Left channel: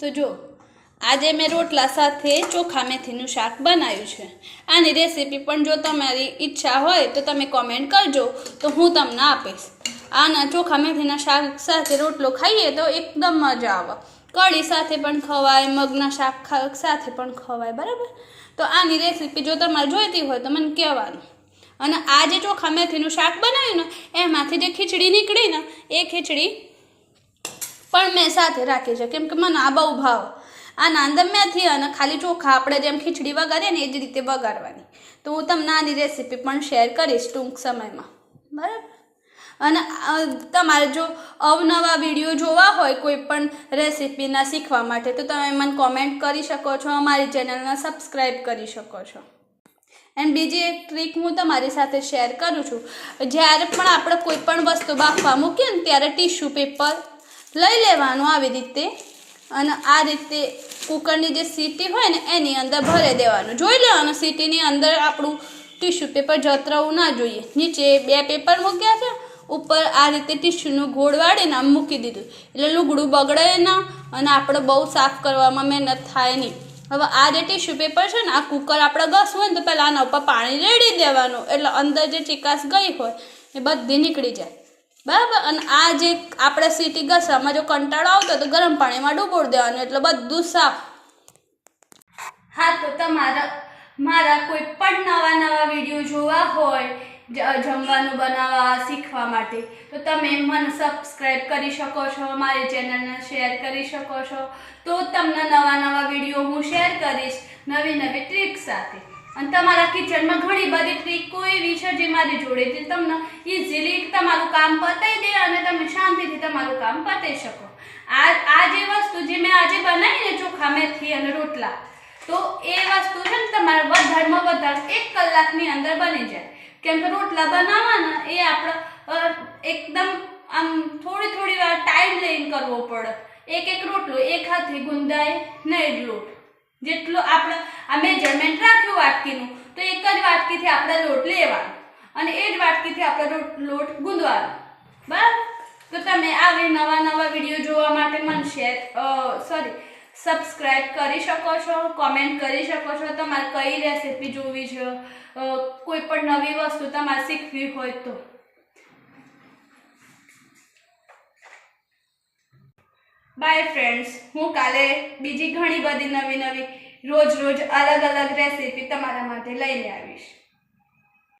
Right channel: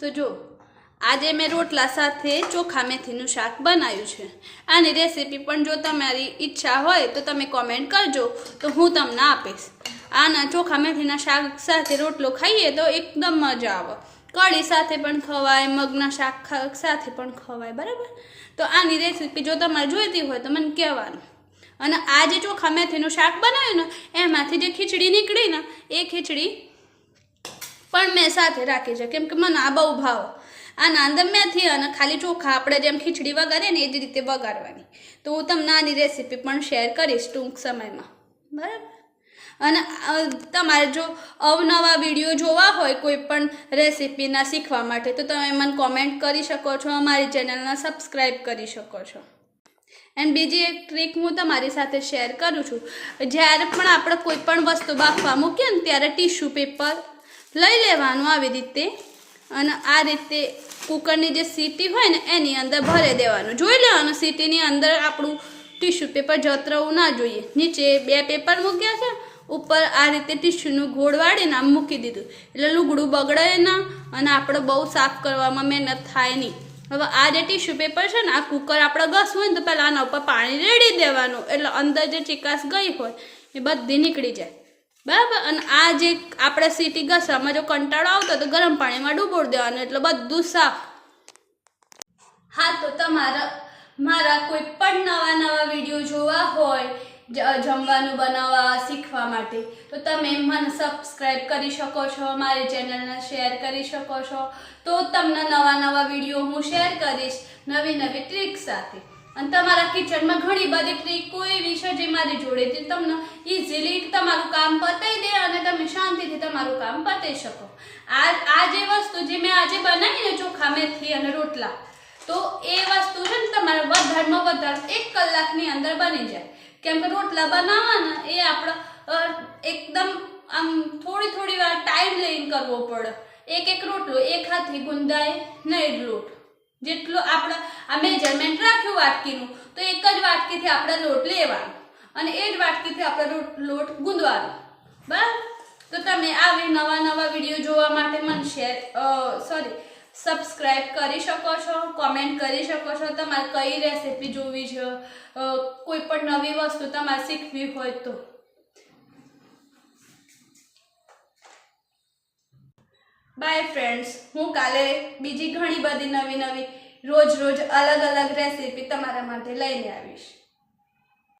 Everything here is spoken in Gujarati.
તો જો આજે મેં રોટલા સાથે ચોખા મેથીનું શાક બનાવ્યું છે। આની રેસીપી પણ જો તમારી ઈચ્છા હોય તો તમે કોમેન્ટ કરજો તો હું તમને આપીશ। આના ચોખા મેથીના શાક સાથે રોટલો ખાઈએ તો એકદમ મજા આવે। કઢી સાથે પણ ખવાય, મગના શાક સાથે પણ ખવાય, બરાબર। તો આની રેસીપી જો તમારે જોઈતી હોય તો મને કહેવાનું। અને આ જે ચોખા મેથીનું શાક બનાવ્યું ને એમાંથી જે ખીચડી નીકળી ને એ ખીચડી પણ મેં સાથે રાખી છે, કેમ કે મને આ બહુ ભાવ। આના અંદર મેથી અને ખાલી ચોખા આપણે જેમ ખીચડી વઘારીએ ને એ જ રીતે વઘારવાની। તો હું તમને આની રેસીપી પણ શેર કરીશ ટૂંક સમયમાં, બરાબર। અને તમારે જો અવનવા વિડીયો જોવા હોય કોઈ પણ રેસીપીના શીખવા માટે તો તમે મને કોમેન્ટ કરી શકો છો, અમારી ચેનલને સબસ્ક્રાઈબ કરી શકો છો। એન્ડ બીજી એક ટ્રીક હું તમારી સાથે શેર કરું છું। જ્યારે પણ આપણે કોઈ પણ વસ્તુ બાફવા મૂકીએ ને ત્યારે ટીશ્યુ પેપર લઈ લેવાનું આવી રીતે, અને આ રીતે કુકરની જે સીટી હોય ને એની અંદર ભરી દેવાનું। જોઈ લેવાનું સીટીની અંદર આપણું ટીશ્યુ પેપર જતરવું ના જોઈએ। નીચે 2 પેપર મૂક્યા છે, ઉપર આ રીતે ટીશ્યુનું ગોળ વાળીને આમ મૂકી દીધું, એટલે લુગડું બગડે ના અને આપણે બહુ સાફ કરવામાં મહેનત થાય નહીં। હવે આ જે ટીશ્યુ પેપર છે ને આ કુકર આપણે ઘસવું હોય ને તો પહેલાં આના ઉપર પાણી રેડી દેવાનું, એટલે અંદર જે ચીકાશ ગઈ હોય એ બધી નીકળી જાય, બરાબર। અને આ જે આપણે સીટી ઘસવામાં જો કંટાળો આવતો તો ગરમ પાણીમાં ડૂબોળી દેવાનું, એટલે બધું સાફ। હા, તો તમારા મારા કોઈ પણ નવા વિડીયો જોવા હોય જમવાનું બનાવવા શીખવા માટે તો તમે મને સબસ્ક્રાઈબ કરી શકો છો, મારી ચેનલને શેર કરી શકો છો। તો તમને નવા વિડીયો હું શેર કરીશ નવી ટ્રીક સાથે। અને તમારા કિચનમાં ઘણી બધી ટ્રીકો એવી છે જે મારી જોડેથી તમને ઇઝીલી તમારું કામ પતાવી દે અને તમે શાંતિથી તમારું કામ પતાવી શકો। આ જે વસ્તુ જે મેં આજે બનાવી ને ચોખા મેથી અને રોટલા, તો એ વસ્તુ છે ને તમારા વધારેમાં વધારે 1 કલાકની અંદર બની જાય। કેમ કે રોટલા બનાવવાના એ આપણે એકદમ આમ થોડી વાર ટાઈમ લઈને કરવો પડે। એક રોટલો એક હાથથી ગુંદાય નહીં લોટ, જેટલો આપણે આ મેજરમેન્ટ રાખ્યું વાટકીનું તો એક જ વાટકીથી આપણે લોટ લેવાનો અને એ જ વાટકીથી આપણે લોટ ગૂંદવાનો, બરાબર। તો તમે આવી નવા વિડીયો જોવા માટે મને સબસ્ક્રાઈબ કરી શકો છો, કોમેન્ટ કરી શકો છો તમારે કઈ રેસીપી જોવી છે, કોઈ પણ નવી વસ્તુ તમારે શીખવી હોય તો। બાય ફ્રેન્ડ્સ, હું કાલે બીજી ઘણી બધી નવી રોજ અલગ રેસીપી તમારા માટે લઈને આવીશ।